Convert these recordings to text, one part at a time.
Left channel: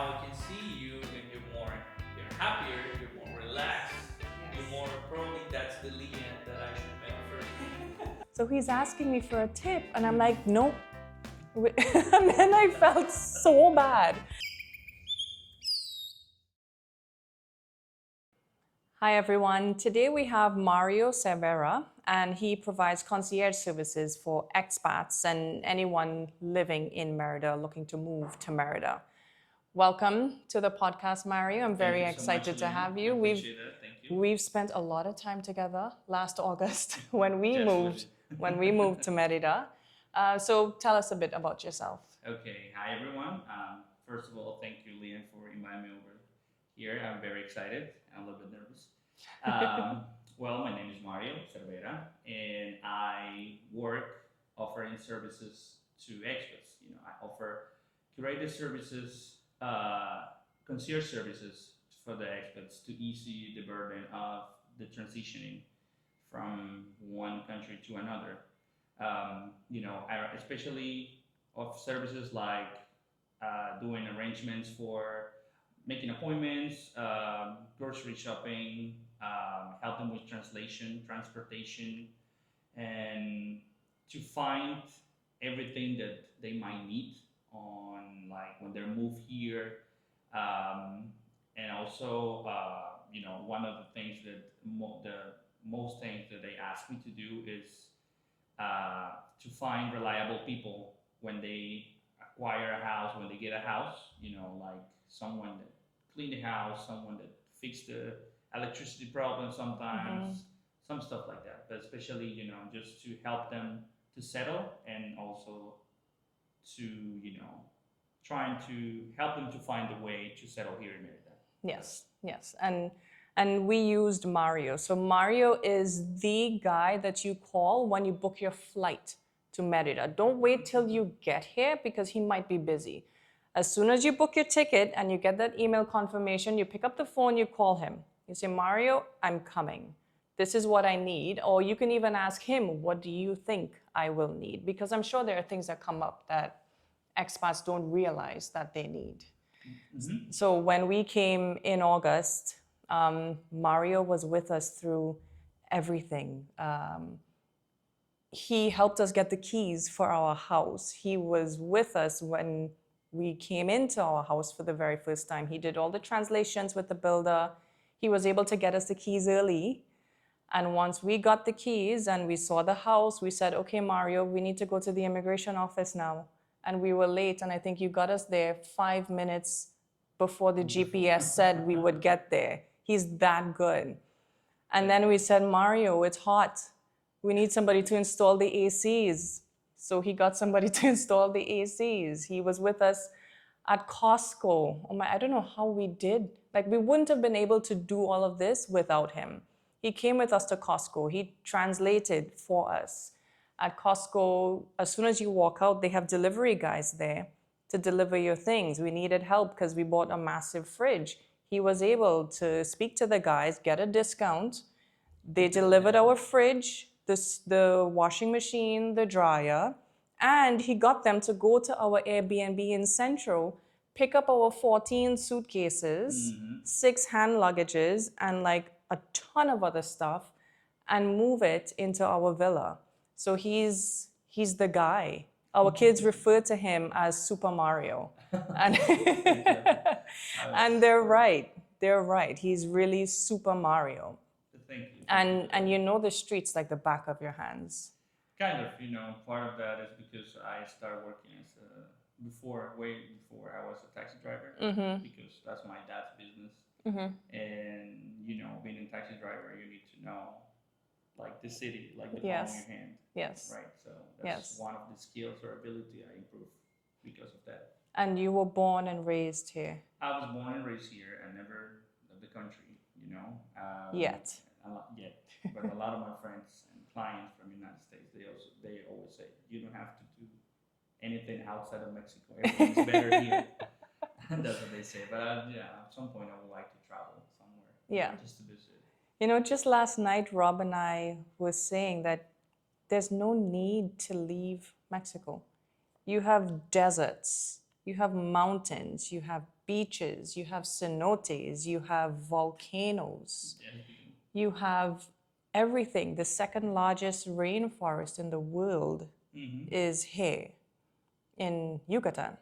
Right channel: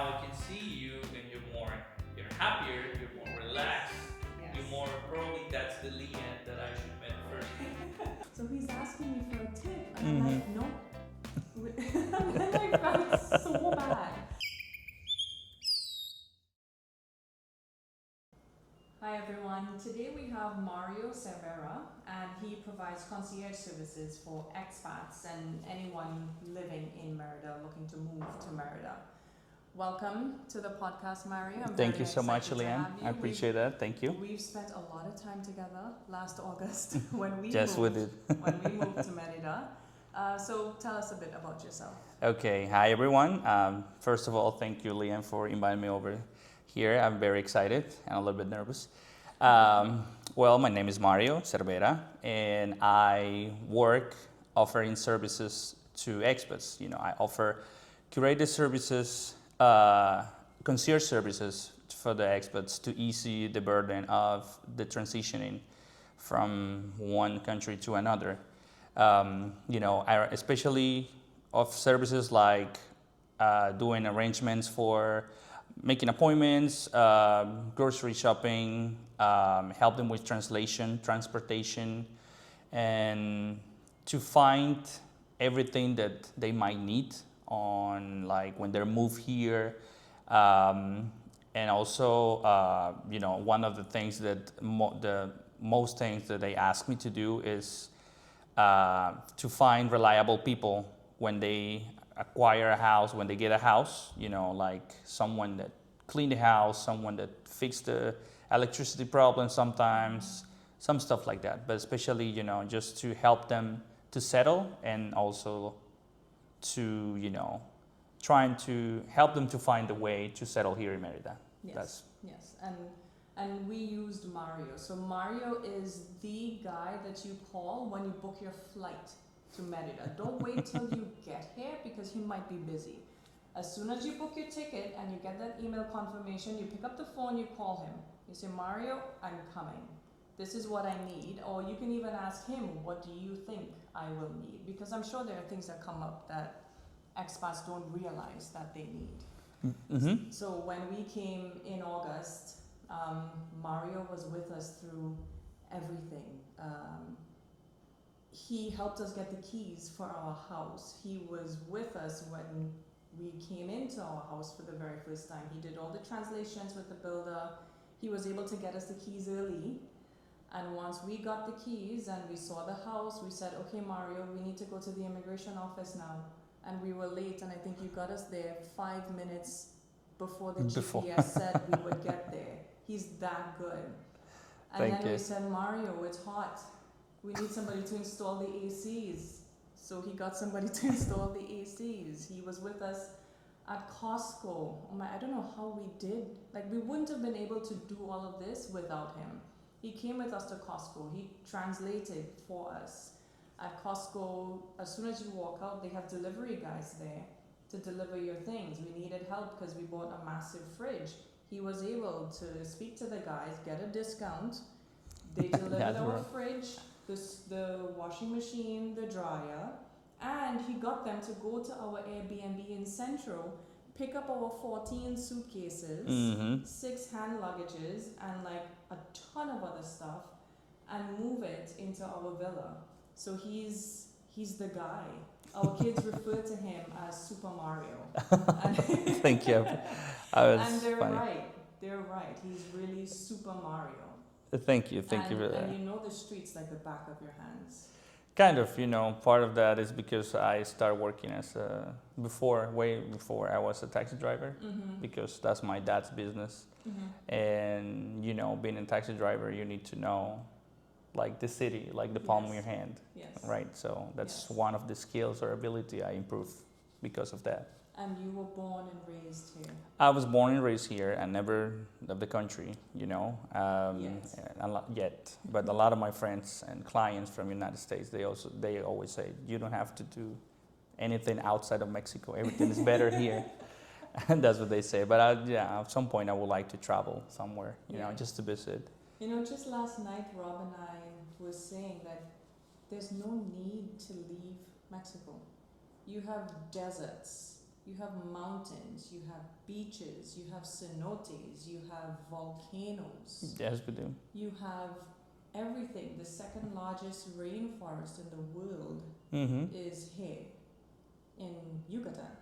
now I can see you and you're happier, you're more relaxed, Yes. you're more, probably that's the Leanne that I should meet first. So he's asking me for a tip, and I'm like, nope. And then I felt so bad. Hi everyone, today we have Mario Cervera, and he provides concierge services for expats and anyone living in Merida looking to move to Merida. Welcome to the podcast, Mario. I'm very excited to have you. I appreciate that. Thank you. We've spent a lot of time together last August when we when we moved to Merida. So tell us a bit about yourself. Okay, hi everyone. First of all, thank you, Leanne, for inviting me over here. I'm very excited and a little bit nervous. Well, my name is Mario Cervera, and I work offering services to expats. You know, I offer curated services, concierge services for the expats to ease the burden of the transitioning from one country to another. You know, especially of services like doing arrangements for making appointments, grocery shopping, help them with translation, transportation, and to find everything that they might need on, like, when they move here. And also, you know, one of the things that the most things that they ask me to do is to find reliable people when they acquire a house, when they get a house, you know, like someone that clean the house, someone that fix the electricity problem sometimes, some stuff like that. But especially, you know, just to help them to settle, and also to, you know, trying to help them to find a way to settle here in Merida. Yes, yes. And we used Mario. So Mario is the guy that you call when you book your flight to Merida. Don't wait till you get here because he might be busy. As soon as you book your ticket and you get that email confirmation, you pick up the phone, you call him. You say, Mario, I'm coming. This is what I need. Or you can even ask him, what do you think I will need? Because I'm sure there are things that come up that expats don't realize that they need. Mm-hmm. So when we came in August, Mario was with us through everything. He helped us get the keys for our house. He was with us when we came into our house for the very first time. He did all the translations with the builder. He was able to get us the keys early. And once we got the keys and we saw the house, we said, okay, Mario, we need to go to the immigration office now. And we were late, and I think you got us there 5 minutes before the GPS said we would get there. He's that good. And then we said, Mario, it's hot. We need somebody to install the ACs. So he got somebody to install the ACs. He was with us at Costco. Oh my, I don't know how we did. Like, we wouldn't have been able to do all of this without him. He came with us to Costco. He translated for us. At Costco, as soon as you walk out, they have delivery guys there to deliver your things. We needed help because we bought a massive fridge. He was able to speak to the guys, get a discount. They delivered our fridge, the washing machine, the dryer, and he got them to go to our Airbnb in Central, pick up our 14 suitcases, 6 hand luggages, and like a ton of other stuff, and move it into our villa. So he's the guy. Our kids refer to him as Super Mario. And Thank you. And they're right. They're right. He's really Super Mario. Thank you. And you know the streets like the back of your hands. Kind of, you know, part of that is because I started working as way before I was a taxi driver, because that's my dad's business. And, you know, being a taxi driver, you need to know, like, the city, like the palm of your hand. Yes. Right. So that's one of the skills or ability I improved because of that. And you were born and raised here? I was born and raised here and never left the country, you know. Yet. Yet. But a lot of my friends and clients from the United States, they always say, you don't have to do anything outside of Mexico. Everything's better here. And that's what they say. But at some point I would like to travel somewhere, you know, just to visit. You know, just last night, Rob and I were saying that there's no need to leave Mexico. You have deserts you have mountains, you have beaches, you have cenotes, you have volcanoes. Yes, we do. You have everything. The second largest rainforest in the world is here in Yucatan.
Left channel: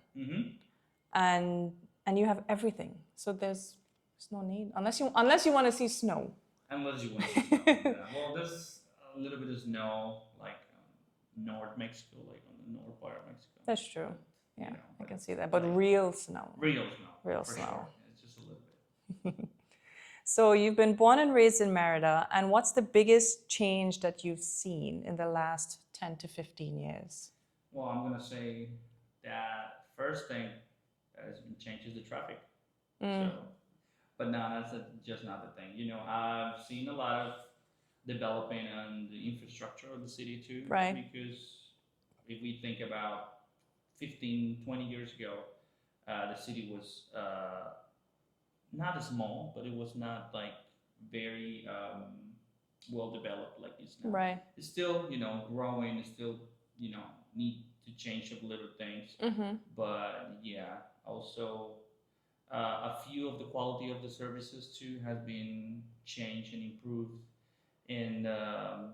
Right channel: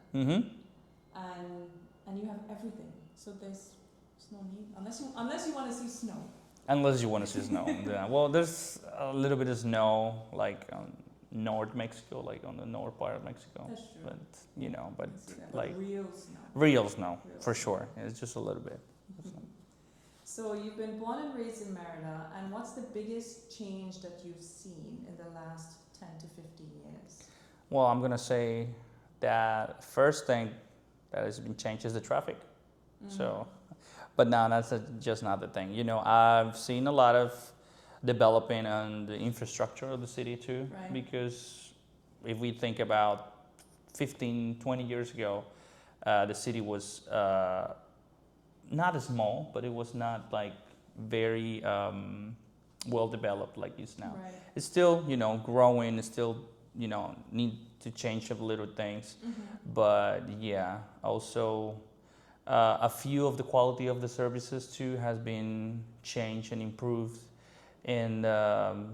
And you have everything. So there's no need unless you want to see snow. Unless you want to see snow. Yeah. Well, there's a little bit of snow, like North Mexico, like on the north part of Mexico. That's true. But, you know, but you can see that. But like, real snow. Real snow, for snow. sure. It's just a little bit. So you've been born and raised in Merida, and what's the biggest change that you've seen in the last 10 to 15 years? Well, I'm gonna say that first thing that has been changed is the traffic. So, but now that's just not the thing. You know, I've seen a lot of developing on the infrastructure of the city too. Right. Because if we think about 15, 20 years ago, the city was not as small, but it was not like very well developed like it's now. Right. It's still, you know, growing. It's still, you know, need to change up little things. But yeah, also a few of the quality of the services too has been changed and improved, and the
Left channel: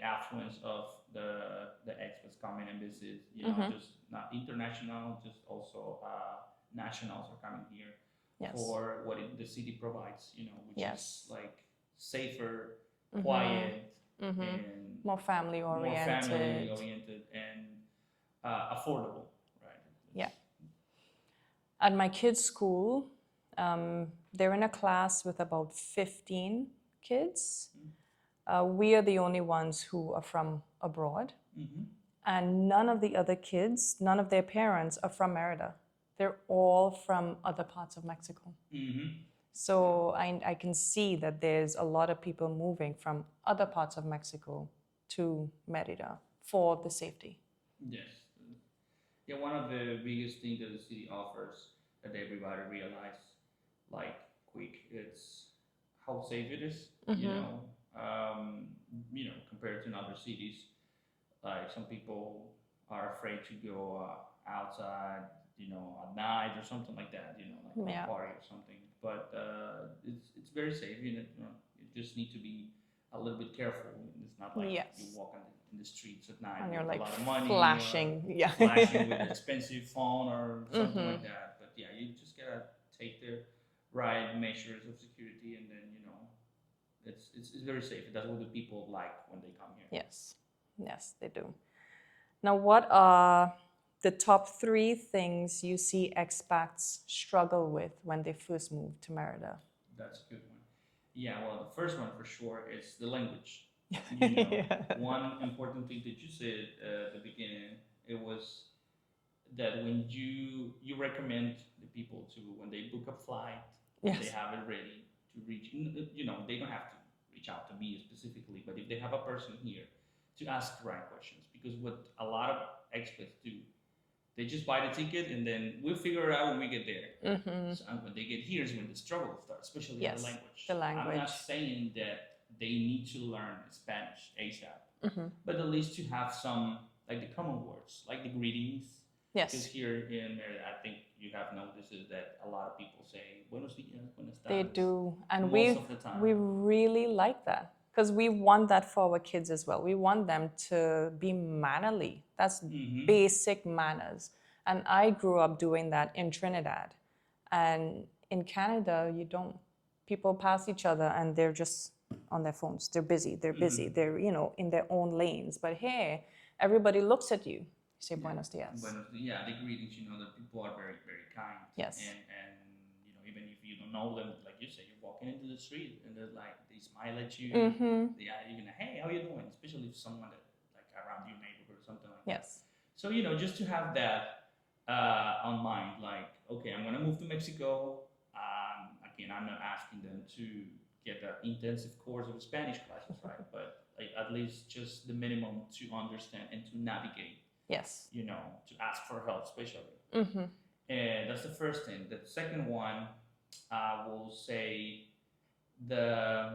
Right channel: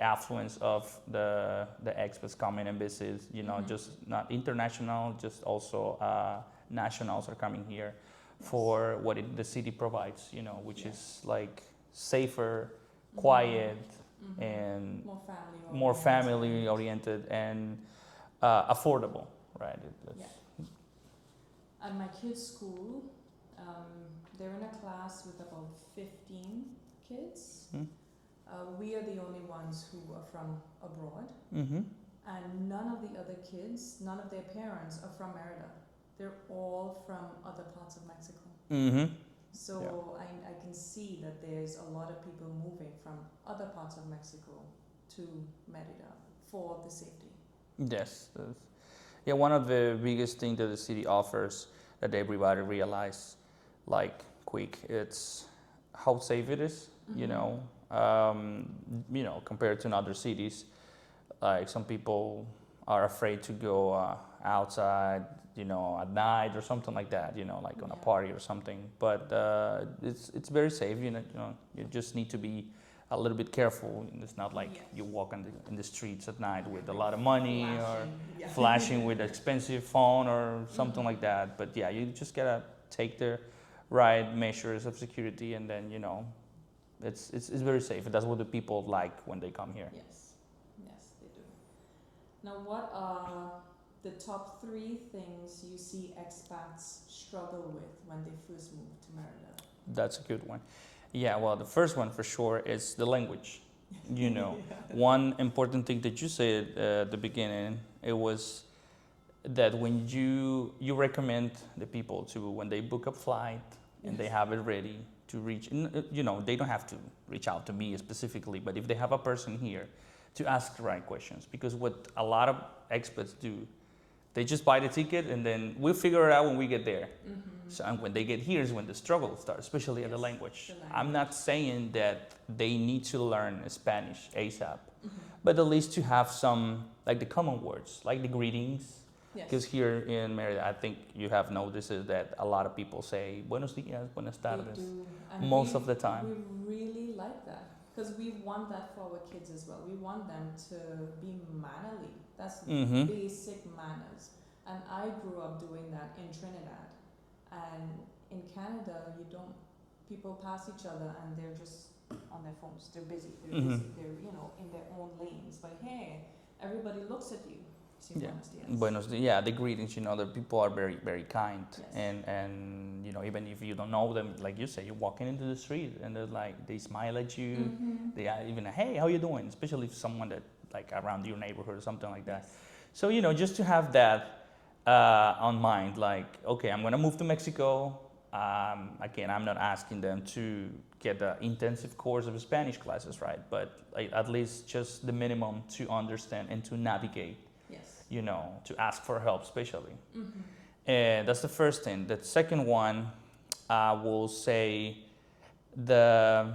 affluence of the expats coming and visit. You know, just not international, just also nationals are coming here for what the city provides. You know, which is like safer, quiet, and more family oriented and affordable, right? Yeah. At my kids' school, they're in a class with about 15 kids. We are the only ones who are from abroad. And none of the other kids, none of their parents are from Merida. They're all from other parts of Mexico. So I can see that there's a lot of people moving from other parts of Mexico to Merida for the safety. Yes. Yeah, one of the biggest things that the city offers that everybody realize, like quick, it's how safe it is. You know, compared to other cities, like some people are afraid to go outside, you know, at night or something like that. You know, like on a party or something. But it's very safe. You know, you just need to be a little bit careful. It's not like you walk in the streets at night with a lot of money, flashing with an expensive phone or something like that. But yeah, you just gotta take the right measures of security, and then you know, it's very safe. That's what the people like when they come here. Yes, they do. Now, what are the top 3 things you see expats struggle with when they first move to Merida? That's a good one. Yeah, well, the first one for sure is the language. You know, one important thing that you said at the beginning, it was that when you recommend the people to, when they book a flight, they have it ready to reach, you know, they don't have to reach out to me specifically, but if they have a person here, to ask the right questions. Because what a lot of expats do, they just buy the ticket and then we'll figure it out when we get there. So, and when they get here is when the struggle starts, especially in the language. I'm not saying that they need to learn Spanish ASAP, but at least to have some, like the common words, like the greetings. Because here in Merida, I think you have noticed that a lot of people say buenos dias, buenas tardes. They do, and most of the time. We really like that. Because we want that for our kids as well. We want them to be mannerly. That's basic manners. And I grew up doing that in Trinidad. And in Canada, people pass each other and they're just on their phones. They're busy. They're, you know, in their own lanes. But here, everybody looks at you. Say buenos dias. Buenos dias. Yeah, the greetings, you know, the people are very, very kind. Yes. And you know, even if you don't know them, like you say, you're walking into the street and they're like, they smile at you. They are even, hey, how you doing? Especially if someone that like around your neighborhood or something like that. Yes. So, you know, just to have that on mind, like, okay, I'm gonna move to Mexico. Again, I'm not asking them to get an intensive course of Spanish classes, right? But like, at least just the minimum to understand and to navigate. Yes. You know, to ask for help, especially. And that's the first thing. The second one, I will say the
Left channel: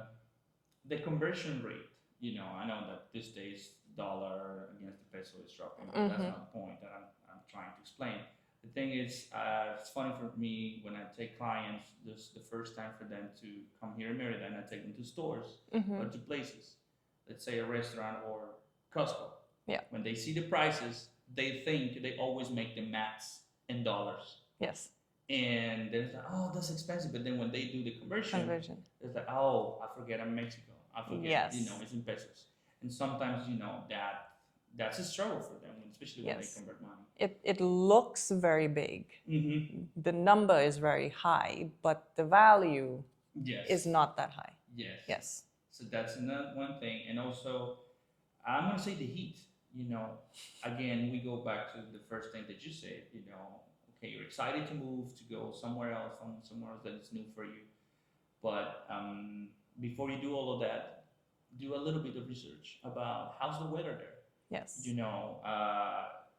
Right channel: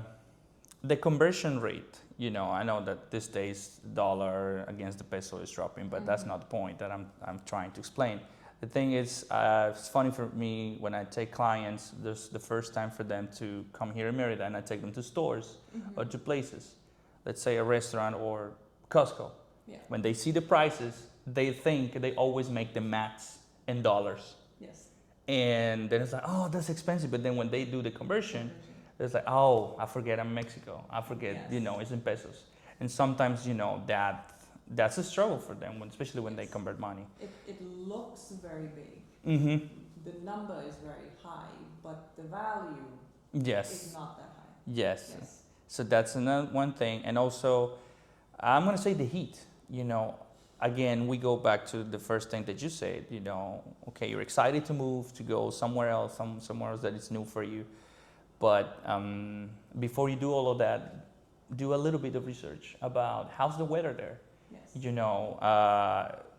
conversion rate, I know that these days dollar against the peso is dropping, but that's not the point that I'm trying to explain. The thing is, it's funny for me when I take clients, this the first time for them to come here in Merida, and I take them to stores or to places, let's say a restaurant or Costco. Yeah. When they see the prices, they think they always make the maths in dollars. Yes. And then it's like, oh, that's expensive. But then when they do the conversion. It's like, oh, I forget I'm in Mexico. I forget, it's in pesos. And sometimes, that's a struggle for them, especially when they convert money. It looks very big. Mm-hmm. The number is very high, but the value is not that high. Yes. Yes. So that's another one thing. And also, I'm going to say the heat. Again, we go back to the first thing that you said, okay, you're excited to move, to go somewhere else, somewhere else that is new for you. But before you do all of that, do a little bit of research about how's the weather there. Yes.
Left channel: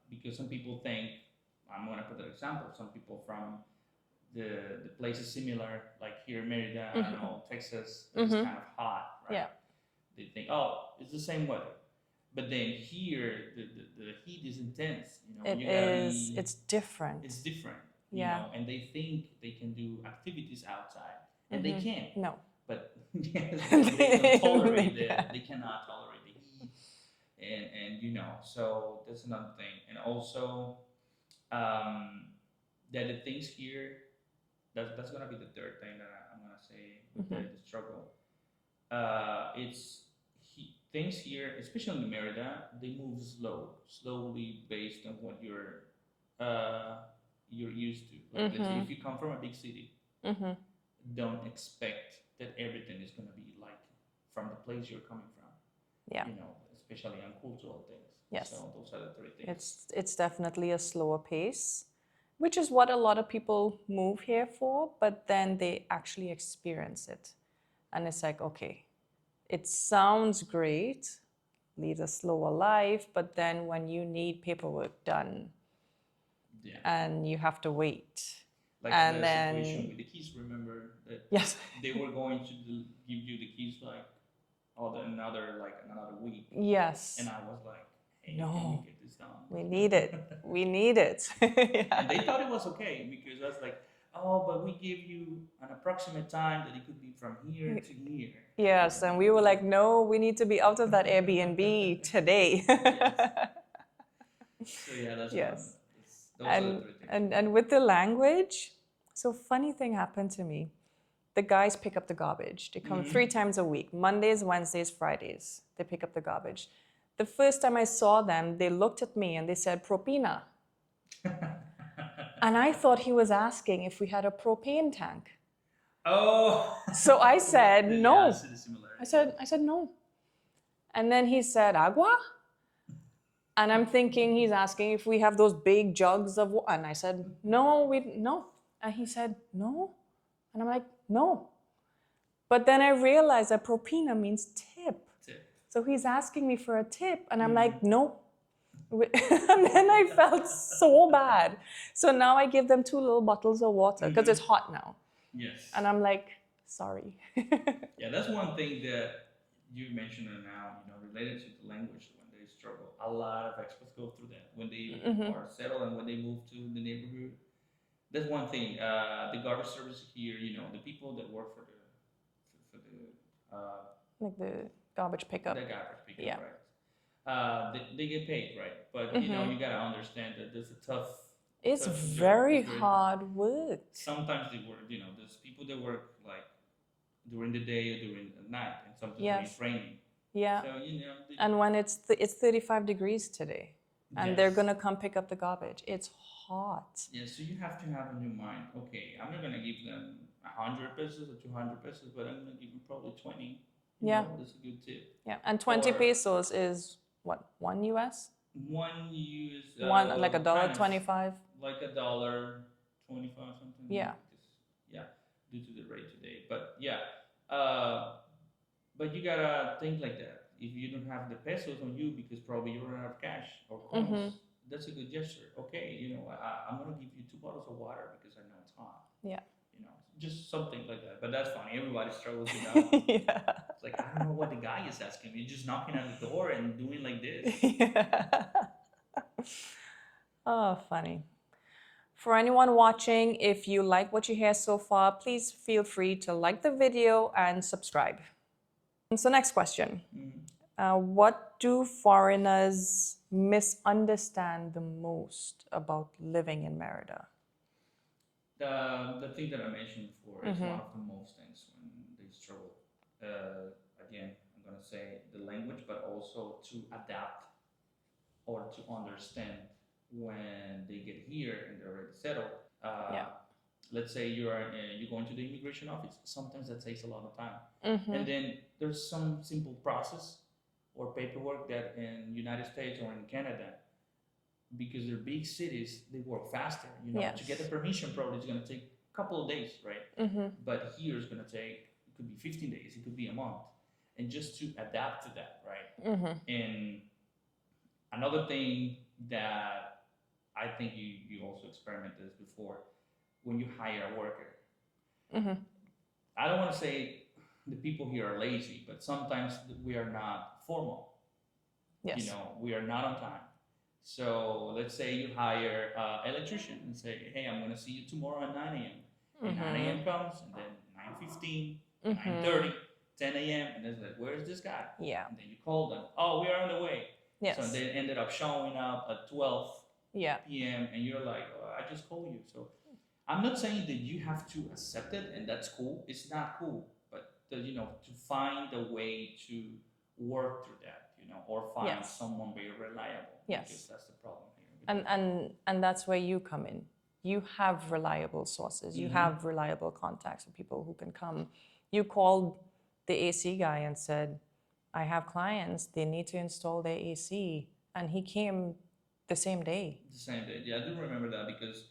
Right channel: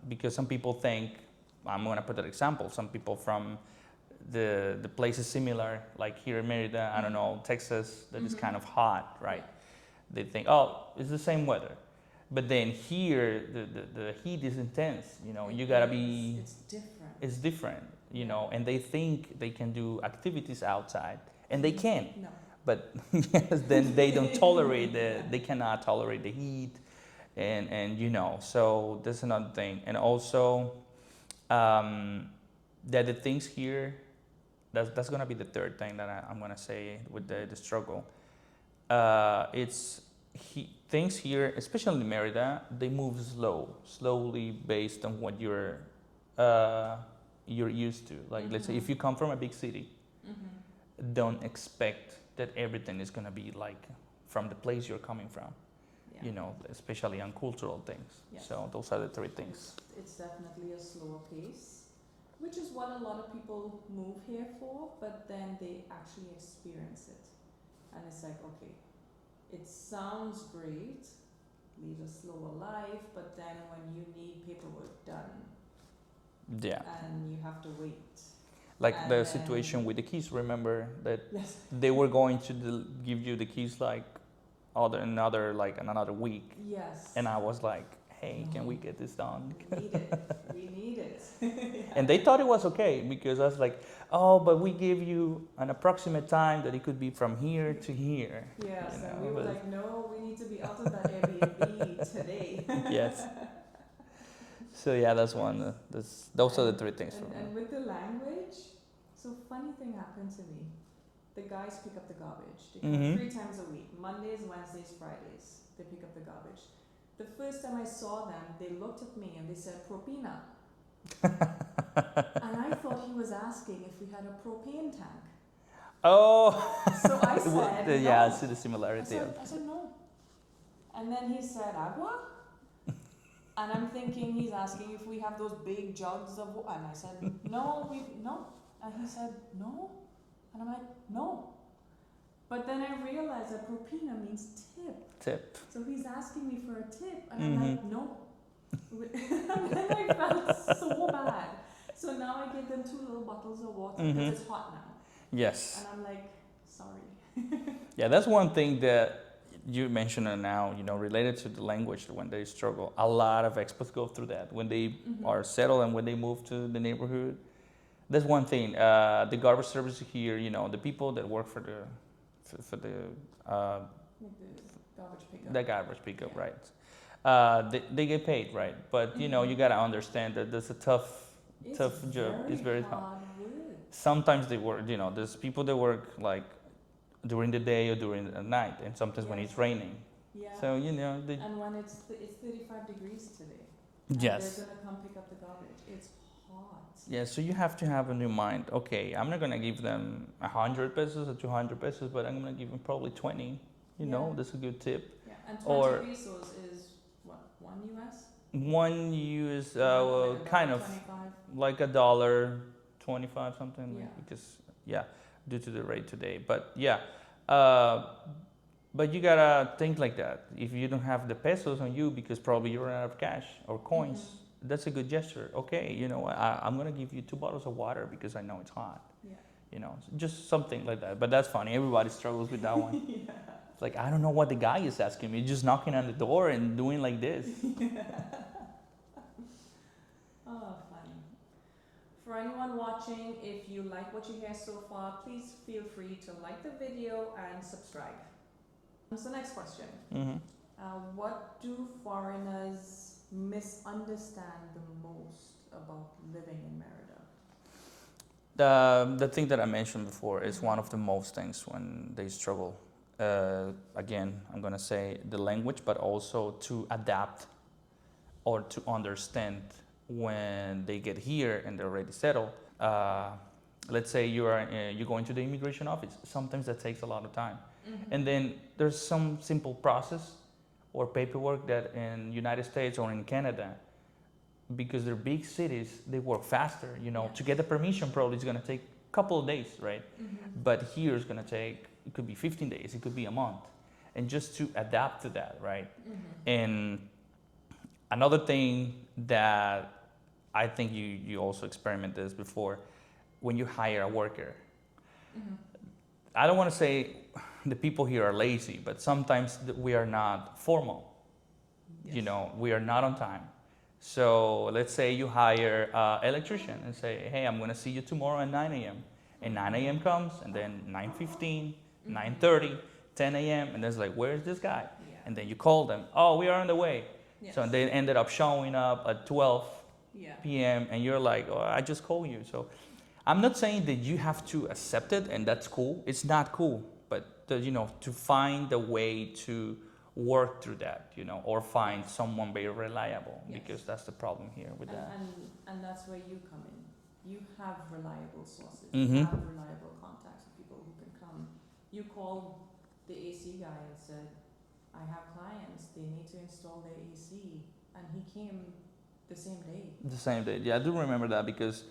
Because some people think, I'm going to put an example, some people from the places similar, like here in Merida, I don't know, Texas, that is kind of hot, right? Yeah. They think, oh, it's the same weather. But then here, the heat is intense, you gotta be. It's different. It's different, and they think they can do activities outside, and they can. No. But they don't tolerate they cannot tolerate the heat, and so that's another thing. And also, that the things here, that's gonna be the third thing that I'm gonna say with the struggle. Things here, especially in Merida, they move slowly based on what you're used to. Like, let's say if you come from a big city, don't expect that everything is gonna be like from the place you're coming from. Yeah. Especially on cultural things. Yes. So those are the three things. It's definitely a slower pace, which is what a lot of people move here for, but then they actually experience it. And it's like, okay, it sounds great, lead a slower life, but then when you need paperwork done, and you have to wait. Like the situation with the keys, remember that they were going to give you the keys like another week. Yes. And I was like, hey, can we get this done? We need it. We need it. And they thought it was okay because I was like, oh, but we give you an approximate time that it could be from here to here. Yes, and we were like, no, we need to be out of that Airbnb today. Yes. So that's one. Those are the three things. And with the language, so funny thing happened to me. The guys pick up the garbage. They come 3 times a week, Mondays, Wednesdays, Fridays. They pick up the garbage. The first time I saw them, they looked at me and they said, propina. And I thought he was asking if we had a propane tank. Oh. So I said no. Yeah, I see the similarity. I said no. And then he said agua. And I'm thinking he's asking if we have those big jugs of water. And I said no. And he said no. And I'm like no. But then I realized that propina means tip. Tip. So he's asking me for a tip, and I'm like no. And then I felt so bad. So now I give them 2 little bottles of water because it's hot now. Yes. And I'm like, sorry. Yeah, that's one thing that you mentioned now, related to the language when they struggle. A lot of expats go through that when they are settled and when they move to the neighborhood. That's one thing. The garbage service here, the people that work for the like the garbage pickup. The garbage pickup, right. They get paid, right? But, you gotta understand that there's a tough It's job. very hard work. Sometimes they work, there's people that work like during the day or during the night, and sometimes when it's raining. Yeah. So, and when it's 35 degrees today, and they're gonna come pick up the garbage. It's hot. Yeah, so you have to have a new mind. Okay, I'm not gonna give them 100 pesos or 200 pesos, but I'm gonna give them probably 20. You know, that's a good tip. Yeah, and 20 pesos is what, $1 US? One US, like $1.25. Like $1.25 something. Yeah. Because due to the rate today, but but you gotta think like that. If you don't have the pesos on you because probably you run out of cash or coins, that's a good gesture. Okay, I'm gonna give you 2 bottles of water because I know it's hot. Yeah. you know, just something like that. But that's funny. Everybody struggles with that one. Yeah. It's like, I don't know what the guy is asking me. Just knocking on the door and doing like this. Oh, funny. For anyone watching, if you like what you hear so far, please feel free to like the video and subscribe. So next question. What do foreigners misunderstand the most about living in Merida? The thing that I mentioned before is one of the most things when they struggle. Again, I'm going to say the language, but also to adapt or to understand when they get here and they're already settled. Let's say you're going to the immigration office. Sometimes that takes a lot of time. And then there's some simple process or paperwork that in United States or in Canada, because they're big cities, they work faster. You know, to get the permission probably it's going to take a couple of days, right? But here it's going to take, it could be 15 days, it could be a month. And just to adapt to that, right? And another thing that I think you also experimented this before, when you hire a worker. I don't want to say the people here are lazy, but sometimes we are not formal. You know, we are not on time. So let's say you hire an electrician and say, hey, I'm going to see you tomorrow at 9 a.m. And 9 a.m. comes, and then 9:15, 9:30, 10 a.m. And then it's like, where's this guy? And then you call them, oh, we are on the way. So they ended up showing up at 12 p.m. and you're like, oh, I just called you. So I'm not saying that you have to accept it and that's cool. It's not cool, but you know, to find a way to work through that, you know, or find someone very reliable, because that's the problem here with that. And that's where you come in. You have reliable sources. You have reliable contacts of people who can come. You called the AC guy and said, I have clients, they need to install their AC, and he came the same day. The same day, yeah, I do remember that, because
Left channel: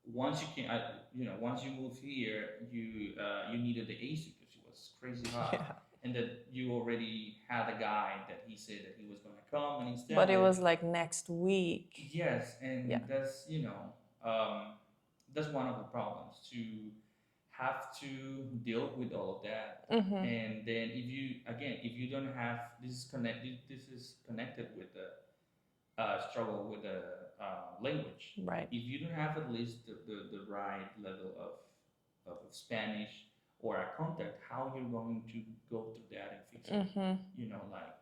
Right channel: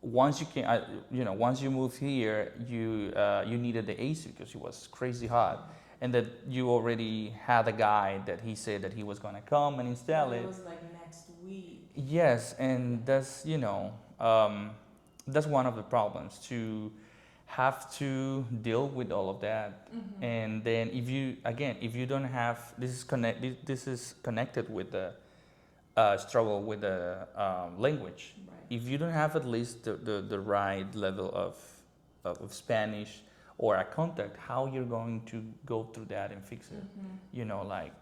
once you came, you know, once you moved here, you needed the AC because it was crazy hot, and that you already had a guy that he said that he was gonna come and install it. But it was like next week. Yes, and that's, you know, that's one of the problems, to have to deal with all of that. And then if you don't have, this is connected with the struggle with the language. Right. If you don't have at least the right level of Spanish or a contact, how you're going to go through that and fix it? You know, like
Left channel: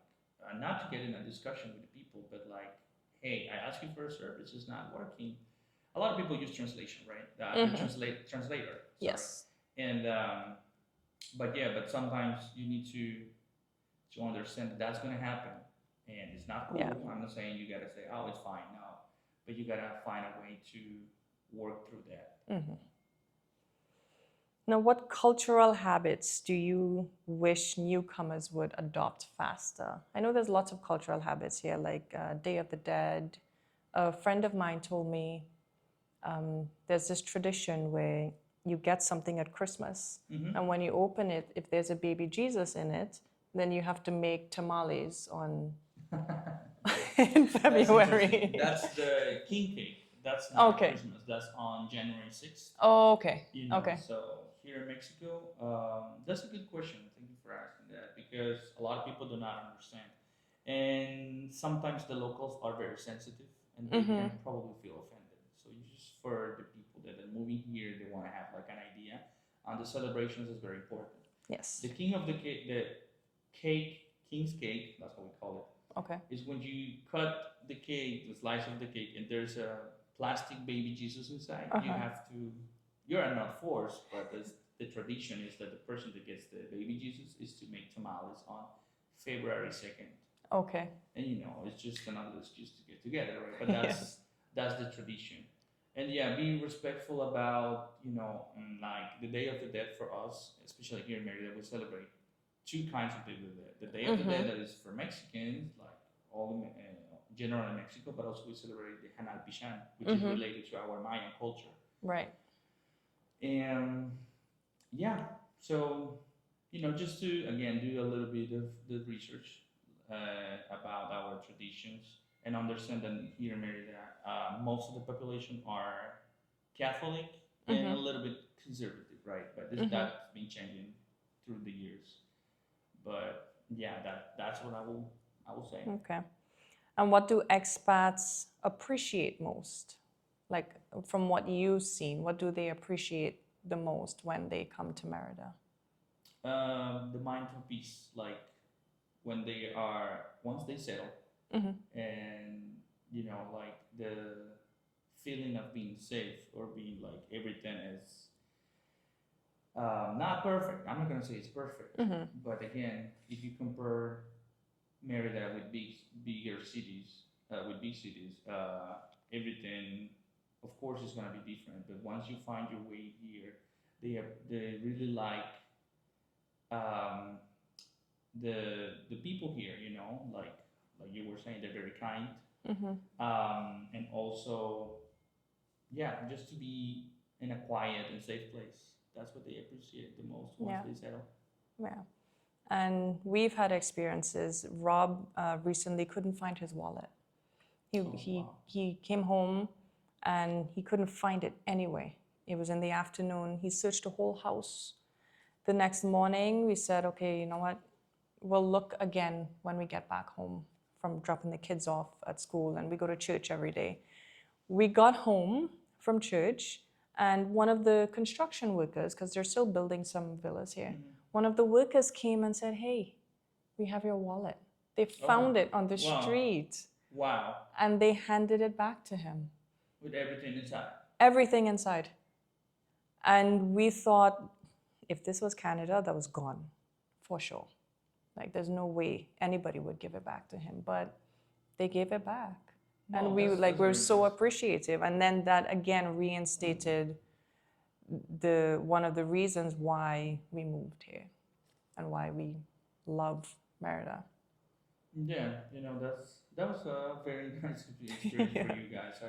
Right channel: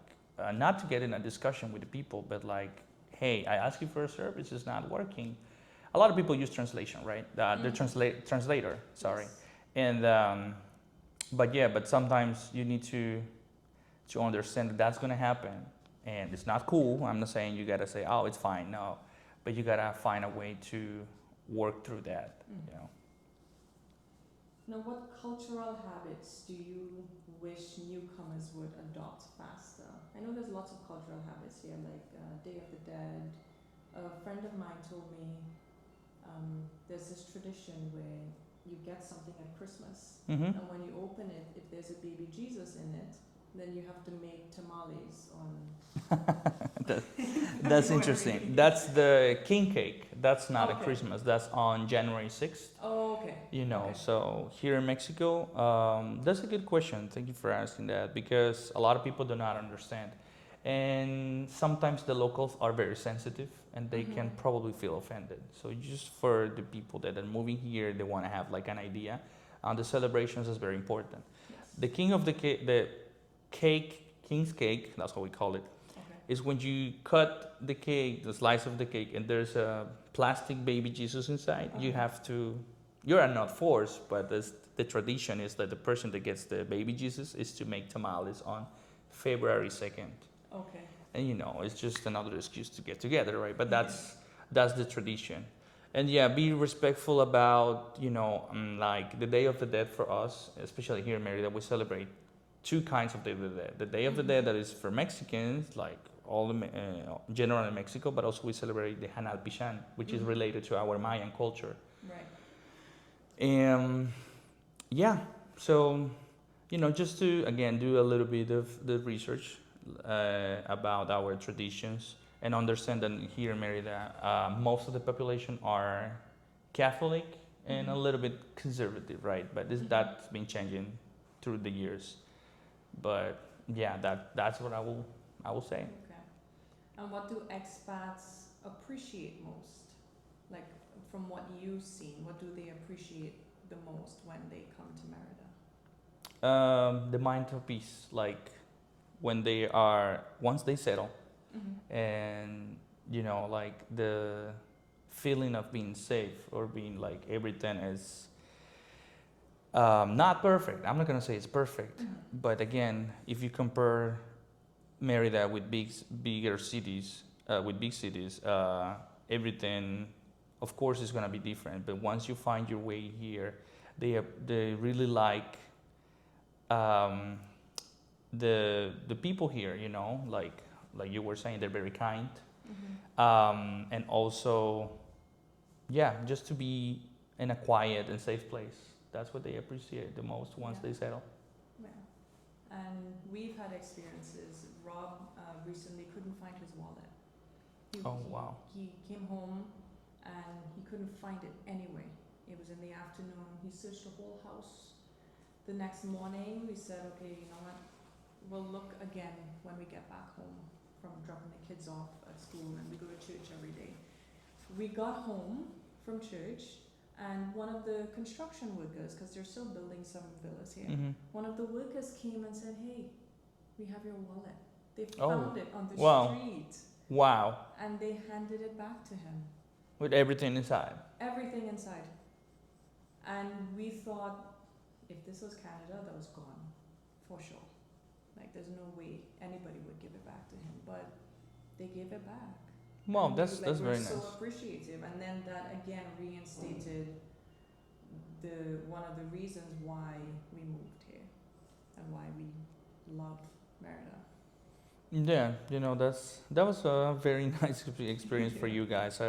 not to get in a discussion with the people, but like, hey, I asked you for a service, it's not working. A lot of people use translation, right? The translator, sorry. And but sometimes you need to understand that that's going to happen, and it's not cool. I'm not saying you gotta say, oh, it's fine, no, but you gotta find a way to work through that. You know. Now, what cultural habits do you wish newcomers would adopt faster? I know there's lots of cultural habits here, like Day of the Dead. A friend of mine told me there's this tradition where you get something at Christmas, and when you open it, if there's a baby Jesus in it, then you have to make tamales on in February. That's interesting. That's the king cake. That's not at Christmas. That's on January 6th. Oh, okay. You know, so here in Mexico, that's a good question. Thank you for asking that, because a lot of people do not understand. And sometimes the locals are very sensitive and they can probably feel offended. So just for the people that are moving here, they want to have like an idea. The celebrations is very important. Yes. The king of the cake, king's cake, that's what we call it, is when you cut the cake, the slice of the cake, and there's a plastic baby Jesus inside. You have to, you are not forced, but the tradition is that the person that gets the baby Jesus is to make tamales on February 2nd. Okay. And you know, it's just another excuse to get together, right? But that's the tradition. And be respectful about, you know, like the Day of the Dead for us, especially here in Merida, we celebrate two kinds of Day of the Dead. The Day of the Dead that is for Mexicans, like all the general in Mexico, but also we celebrate the Hanal Pichán, which is related to our Mayan culture. Right. And so, you know, just to, again, do a little bit of the research about our traditions and understand that here in Merida, most of the population are Catholic and a little bit conservative, right? But that's been changing through the years. But yeah, that's what I will say. Okay. And what do expats appreciate most? Like from what you've seen, what do they appreciate the most when they come to Merida? The mind of peace, like when once they settle, and like the feeling of being safe or being like everything is not perfect. I'm not gonna say it's perfect, but again, if you compare Merida with bigger cities, with big cities, everything, of course, is gonna be different. But once you find your way here, they really like the people here. Like you were saying, they're very kind, and also, yeah, just to be in a quiet and safe place. That's what they appreciate the most once they settle. Yeah. And we've had experiences. Rob recently couldn't find his wallet. He came home and he couldn't find it anyway. It was in the afternoon. He searched the whole house. The next morning, we said, okay, you know what? We'll look again when we get back home from dropping the kids off at school, and we go to church every day. We got home from church, and one of the construction workers, because they're still building some villas here, one of the workers came and said, hey, we have your wallet. They found it on the street. Wow. And they handed it back to him. With everything inside? Everything inside. And we thought, if this was Canada, that was gone, for sure. Like, there's no way anybody would give it back to him, but they gave it back. Well, and we're so appreciative. And then that again reinstated one of the reasons why we moved here and why we love Merida. Yeah, that was a very nice experience for you guys.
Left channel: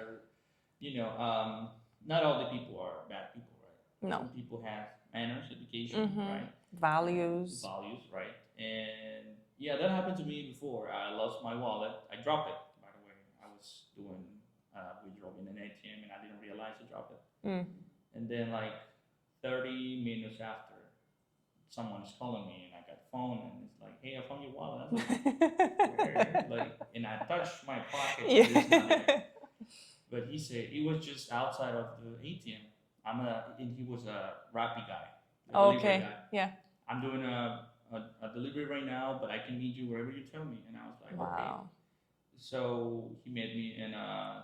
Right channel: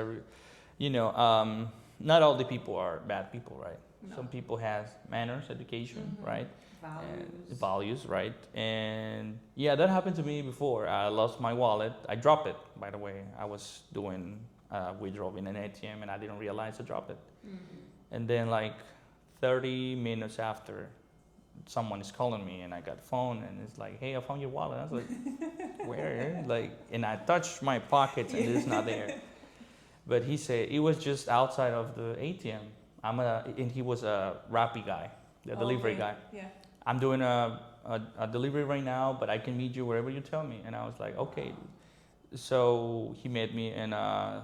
Not all the people are bad people, right? No. Some people have manners, education, right? Values, right? And yeah, that happened to me before. I lost my wallet. I dropped it, by the way. I was doing withdrawal in an ATM and I didn't realize I dropped it. And then like 30 minutes after, someone is calling me and I got a phone and it's like, hey, I found your wallet. I was like, where? And I touched my pocket and it's not there. But he said it was just outside of the ATM. And he was a Rappi guy, the delivery guy. Yeah. I'm doing a delivery right now, but I can meet you wherever you tell me. And I was like, okay. So he met me in a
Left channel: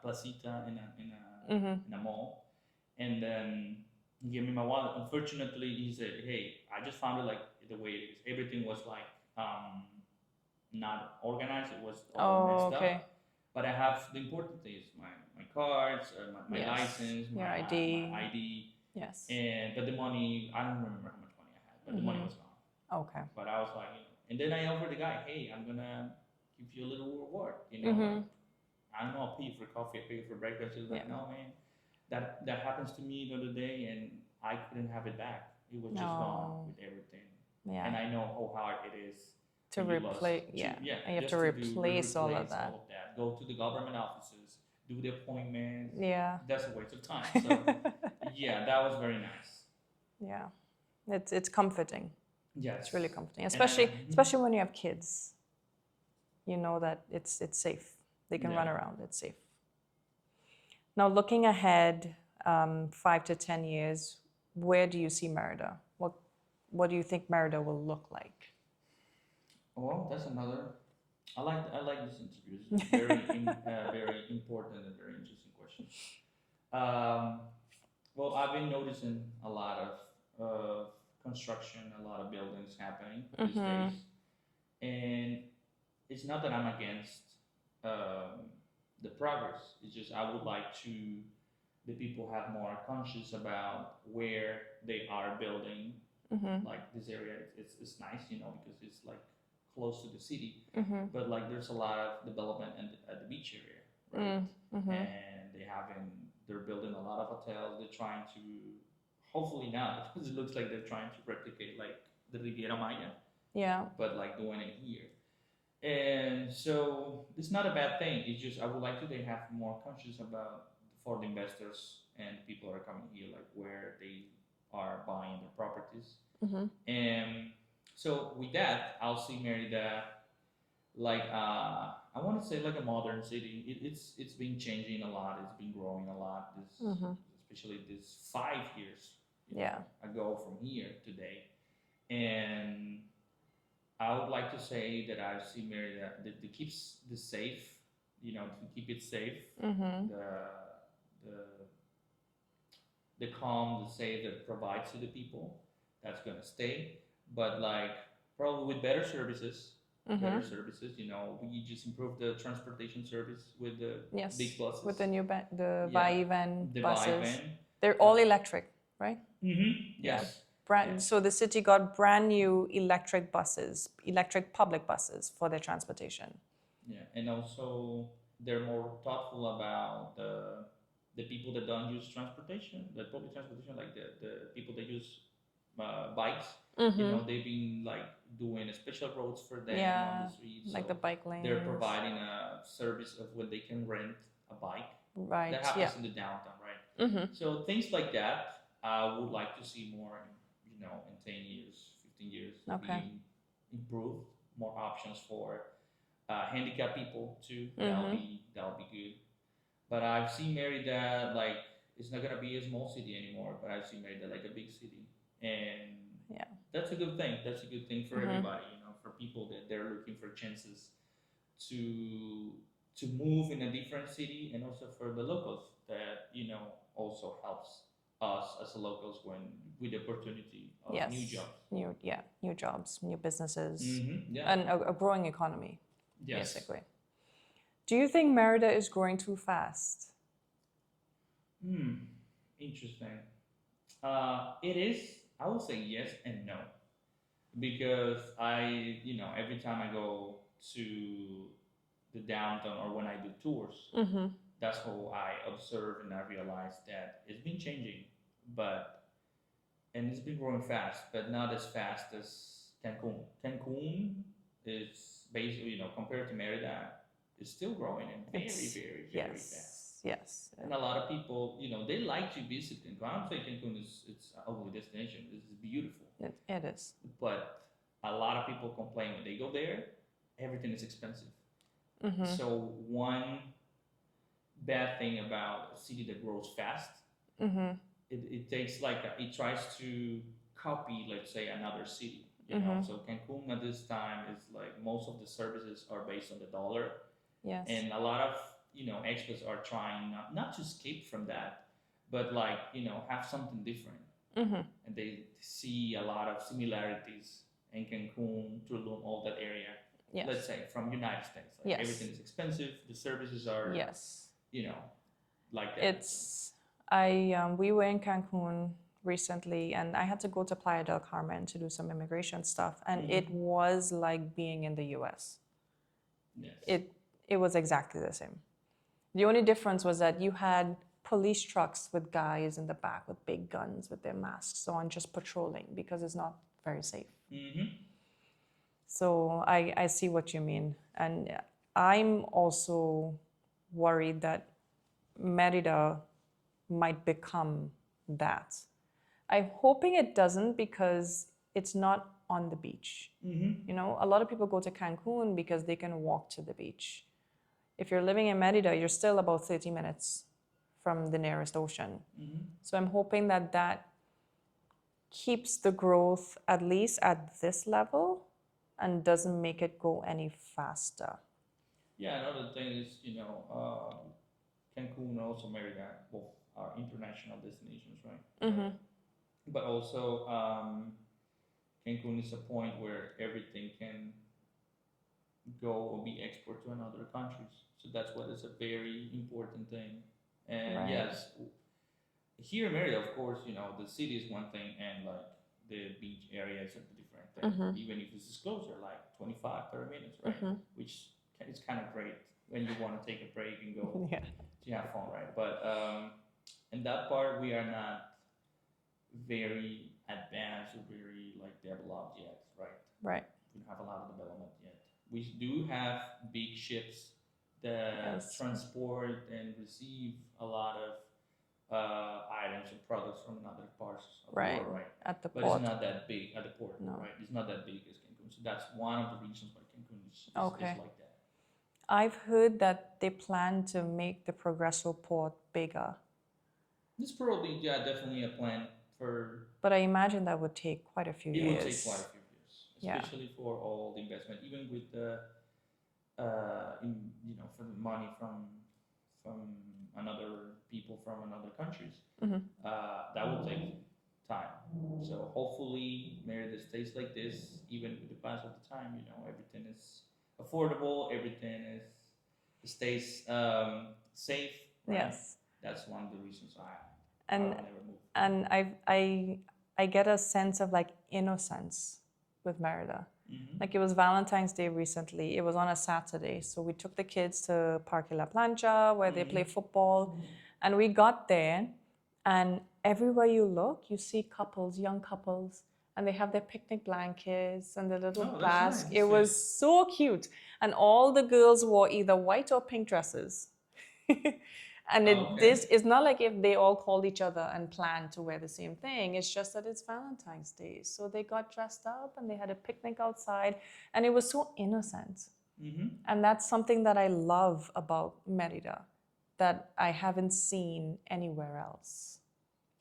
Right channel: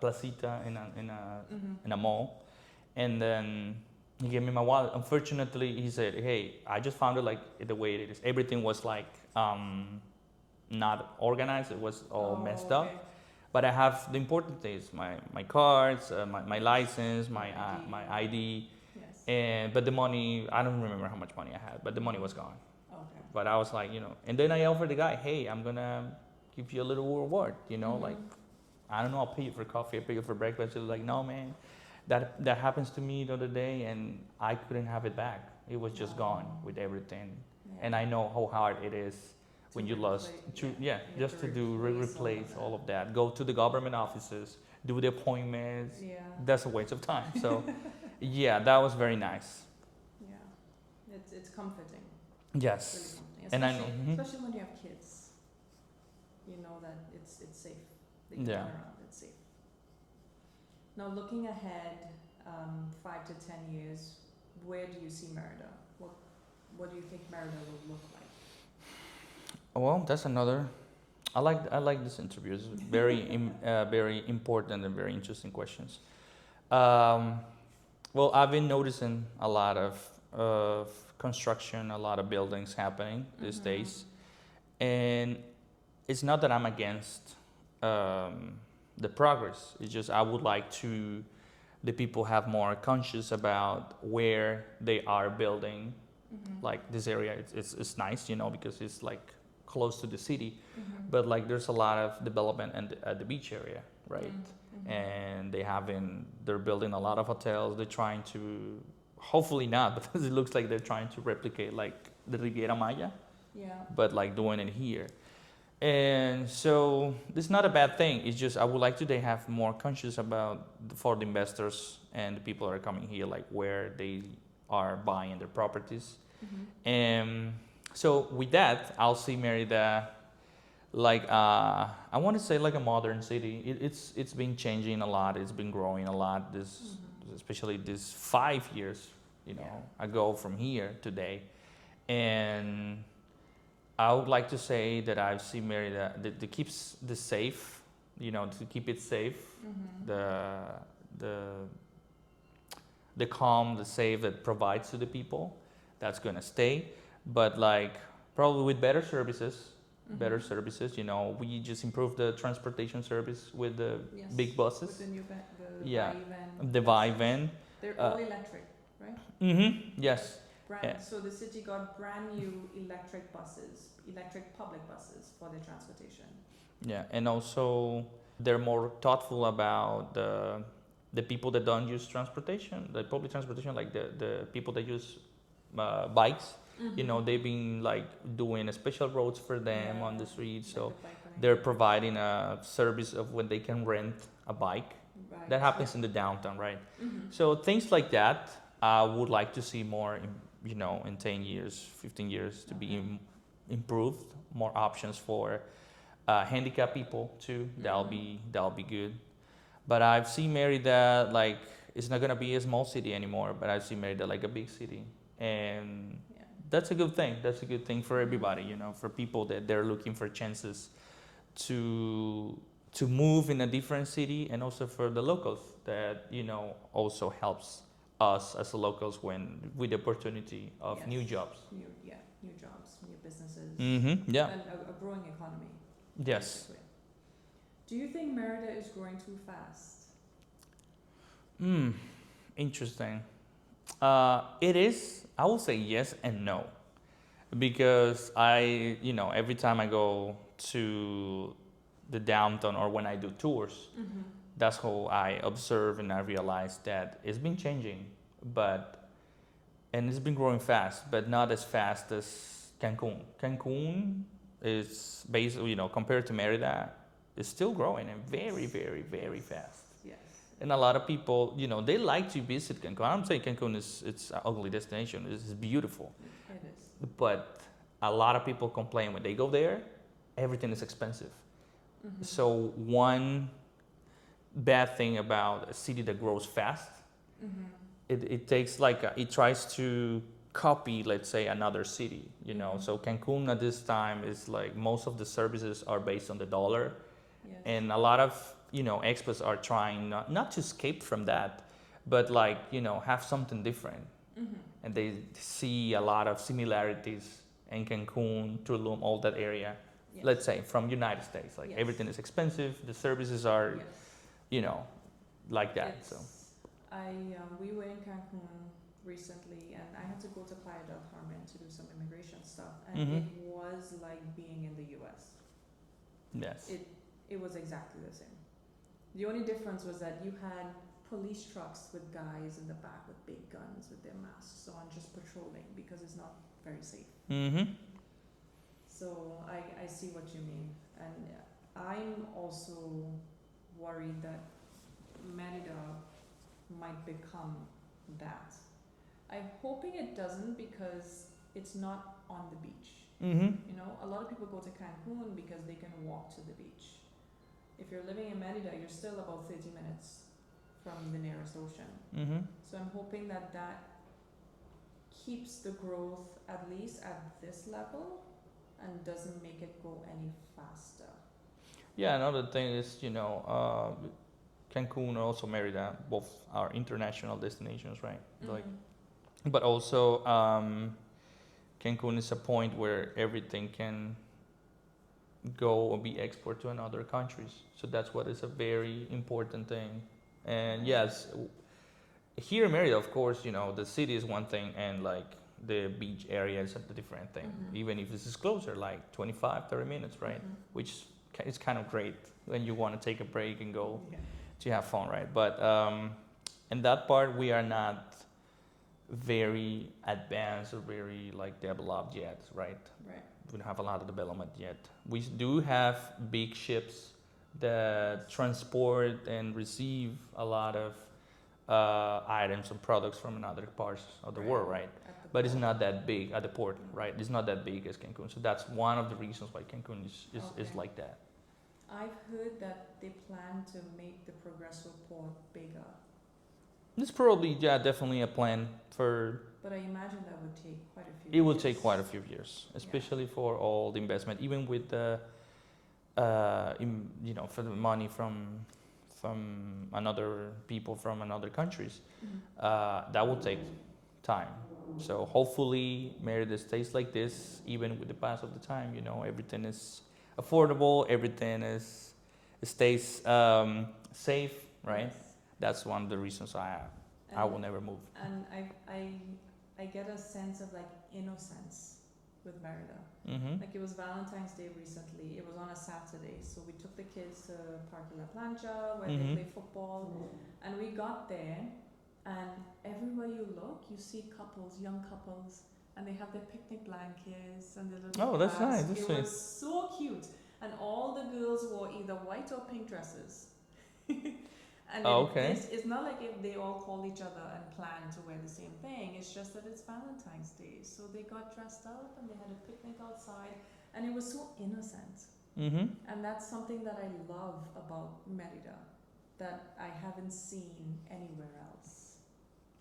placita, in a mall. And then he gave me my wallet. Unfortunately, he said, hey, I just found it like the way it is. Everything was like not organized. It was all messed up. But I have the important things, my cards, my license, my ID. Yes. But the money, I don't remember how much money I had, but the money was gone. Okay. But I was like, and then I offered the guy, hey, I'm going to give you a little reward, like, I don't know, I'll pay you for coffee, I'll pay you for breakfast. He was like, no, man, that happens to me the other day and I couldn't have it back. It was just gone with everything. Yeah. And I know how hard it is when you lost. Just to replace all of that. Go to the government offices, do the appointments. Yeah. That's a waste of time. So, yeah, that was very nice. Yeah. It's comforting. Yes. It's really comforting. Especially when you have kids. You know that it's safe. They can run around. It's safe. Now, looking ahead 5 to 10 years, where do you see Merida? What do you think Merida will look like? Well, that's another. I like this interview. It's very very important and very interesting questions. Well, I've been noticing a lot of construction, a lot of buildings happening these days, and it's not that I'm against the progress. It's just I would like the people have more conscious about where they are building. Like this area, it's nice, because it's like close to the city, but like there's a lot of development at the beach area, right? And they're building a lot of hotels. They're trying to, hopefully not, because it looks like they're trying to replicate like the Riviera Maya, but like doing it here. And so it's not a bad thing. It's just I would like they have more conscious about for the investors and the people are coming here like where they are buying their properties. And so with that, I'll see Merida like I want to say like a modern city. It's been changing a lot. It's been growing a lot. Especially this 5 years, ago from here today, and I would like to say that I've seen Merida that keeps the safe, to keep it safe, the calm, the safe that provides to the people. That's gonna stay, but like probably with better services. Better services, we just improved the transportation service with the big buses. With the new Vivan the buses. Vivan. They're all electric, right? Yes. So the city got brand new electric buses, electric public buses for their transportation. Yeah, and also they're more thoughtful about the people that don't use transportation, the public transportation, like the people that use bikes. They've been like doing a special roads for them on the streets. Like so the bike lane. they're providing a service of when they can rent a bike. Right. That happens in the downtown, right? So things like that, I would like to see more, in 10 years, 15 years to be improved. More options for handicapped people too. That'll be good. But I've seen Merida like it's not gonna be a small city anymore. But I've seen Merida like a big city, and that's a good thing. That's a good thing for everybody, for people that they're looking for chances to move in a different city, and also for the locals that also helps us as locals with the opportunity of new jobs. New jobs, new businesses, and a growing economy. Yes. Basically. Do you think Merida is growing too fast? Interesting. It is. I will say yes and no, because every time I go to the downtown or when I do tours, that's how I observe and I realize that it's been changing, and it's been growing fast, but not as fast as Cancun. Cancun is basically, compared to Merida, is still growing and very, very, very fast. Yes. And a lot of people, they like to visit Cancun. I don't say Cancun it's an ugly destination. It's beautiful. It is. But a lot of people complain when they go there, everything is expensive. So one bad thing about a city that grows fast, it takes it tries to copy, let's say, another city. So Cancun at this time is like most of the services are based on the dollar. Yes. And a lot of expats are trying not to escape from that, but have something different. And they see a lot of similarities in Cancun, Tulum, all that area. Yes. Let's say from United States, everything is expensive. The services are, like that. We were in Cancun recently, and I had to go to Playa del Carmen to do some immigration stuff, and it was like being in the U.S. Yes. It was exactly the same. The only difference was that you had police trucks with guys in the back with big guns with their masks on, just patrolling, because it's not very safe. So I see what you mean. And I'm also worried that Merida might become that. I'm hoping it doesn't, because it's not on the beach. A lot of people go to Cancun because they can walk to the beach. If you're living in Merida, you're still about 30 minutes from the nearest ocean. So I'm hoping that keeps the growth at least at this level and doesn't make it go any faster. Yeah, another thing is, Cancun and also Merida, both are international destinations, right? But also, Cancun is a point where everything can go or be exported to another countries. So that's what is a very important thing. And yes, here in Merida, of course, the city is one thing, and the beach area is a different thing. Even if this is closer, 25, 30 minutes, right? Which is kind of great when you want to take a break and go to have fun, right? But in that part, we are not very advanced or very developed yet, right? Right. We don't have a lot of development yet. We do have big ships that transport and receive a lot of items and products from another parts of the Right. world, right? At the But port. it's not that big at the port, No. right? It's not that big as Cancun. So that's one of the reasons why Cancun Okay. is like that. I've heard that they plan to make the Progreso port bigger, It's probably, yeah, definitely a plan for. but I imagine that would take quite a few It years. will take quite a few years, Yeah. especially for all the investment, even with the, for the money from another people from another countries. Mhm. That will take time. So hopefully Merida stays like this, even with the pass of the time. Everything is affordable. Everything stays safe, right? Yes. That's one of the reasons I And will never move. and I get a sense of like innocence with Merida. Mm-hmm. Like it was Valentine's Day recently. It was on a Saturday, so we took the kids to Parque La Plancha where they play football, and we got there, and everywhere you look, you see couples, young couples, and they have their picnic blankets and the little Oh, that's glass. nice. That's It was so cute, and all the girls wore either white or pink dresses. And Okay. this is not like if they all called each other and planned to wear the same thing. It's just that it's Valentine's Day. So they got dressed up and they had a picnic outside, and it was so innocent. Mm-hmm. And that's something that I love about Merida that I haven't seen anywhere else.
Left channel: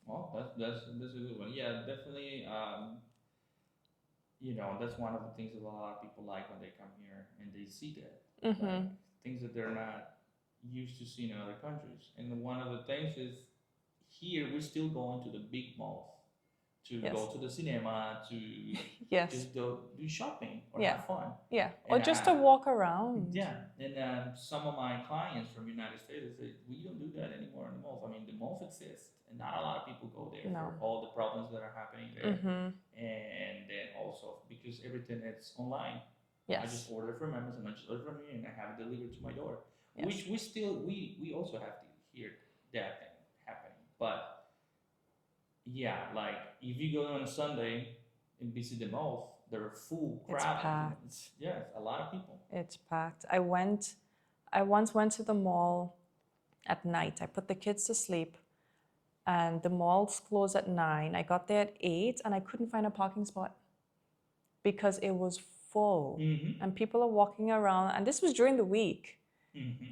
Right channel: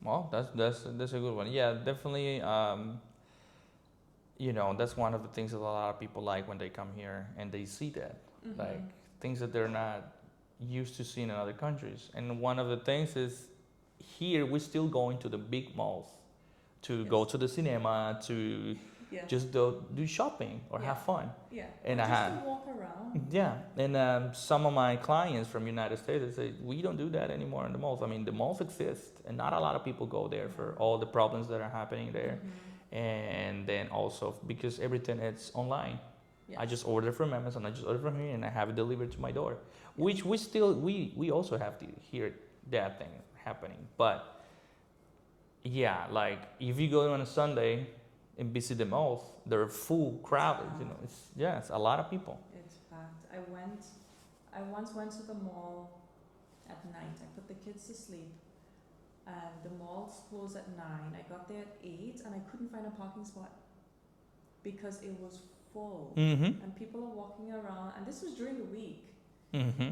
Well, that's a good one. Yeah, definitely. That's one of the things that a lot of people like when they come here and they see that, like things that they're not used to seeing in other countries. And one of the things is here we're still going to the big malls to go to the cinema, to Yes. just do shopping or have fun. Yeah. And Or just to walk around. Yeah, and some of my clients from United States, they say, we don't do that anymore in the malls. I mean, the malls exist, and not a lot of people go there for all the problems that are happening there. And then also because everything is online. Yes. I just order from Amazon, I just order from here, and I have it delivered to my door. Yes. Which we also have to hear that thing happening. But yeah, like if you go on a Sunday and visit the malls, they're full crowded. It's a lot of people. It's packed. I once went to the mall at night. I put the kids to sleep, and the malls closed at 9. I got there at 8, and I couldn't find a parking spot because it was full. And people are walking around, and this was during the week.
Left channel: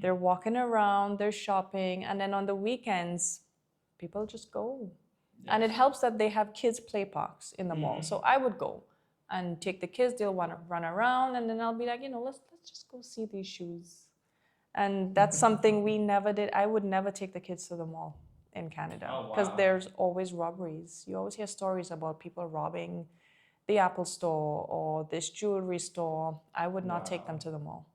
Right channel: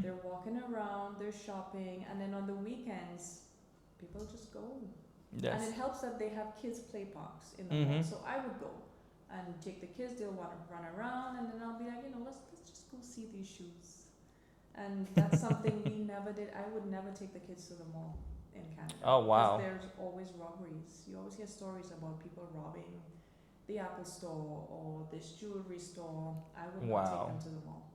They're walking around, they're shopping, and then on the weekends, people just go. Yes. And it helps that they have kids' play parks in the mall. So I would go and take the kids, they'll want to run around, and then I'll be like, let's just go see these shoes. And that's something we never did. I would never take the kids to the mall in Canada. Oh, wow. Because there's always robberies. You always hear stories about people robbing the Apple store or this jewelry store. I would not take them to the mall.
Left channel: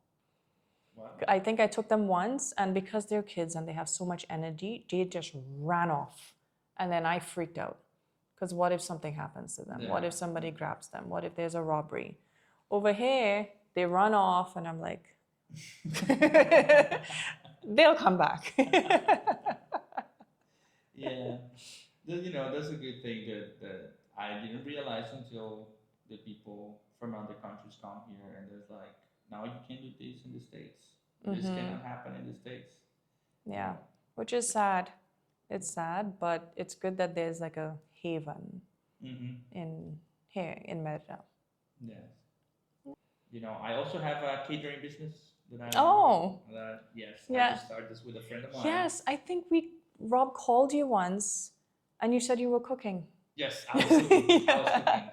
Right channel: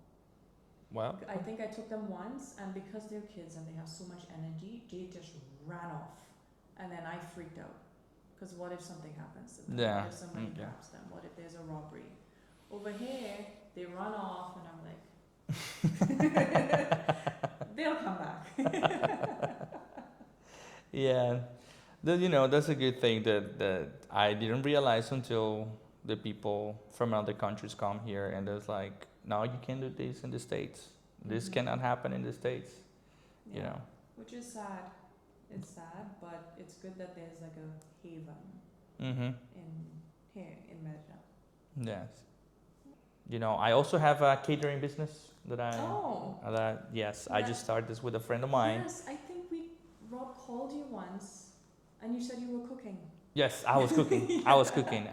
Well, I think I took them once, and because they're kids and they have so much energy, they just ran off. And then I freaked out. Because what if something happens to them? Yeah. What if somebody grabs them? What if there's a robbery? Over here, they run off, and I'm like, they'll come back. yeah, that's a good thing that I didn't realize until the people from other countries come here, and it's like, no, you can't do this in the States. This cannot happen in the States. Yeah, which is sad. It's sad, but it's good that there's like a haven in here in Merida. Yes. I also have a catering business that I. Yes, I just started this with a friend of mine. Yes, I think Rob called you once, and you said you were cooking. Yes, I was cooking.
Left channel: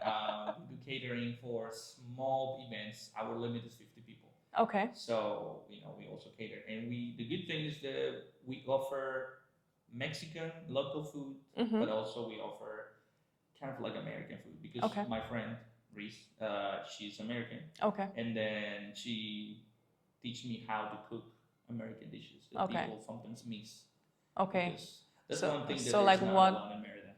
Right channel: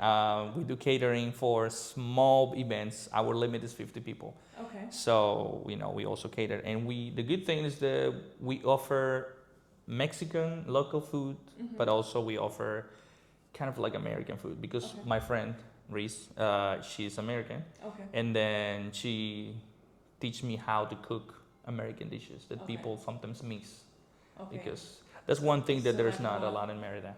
We do catering for small events. Our limit is 50 people. Okay. So, we also cater. And the good thing is that we offer Mexican local food, but also we offer kind of like American food because my friend, Reese, she's American. Okay. And then she teach me how to cook American dishes that people sometimes miss. Okay. Because that's one thing that there's not a lot in Merida.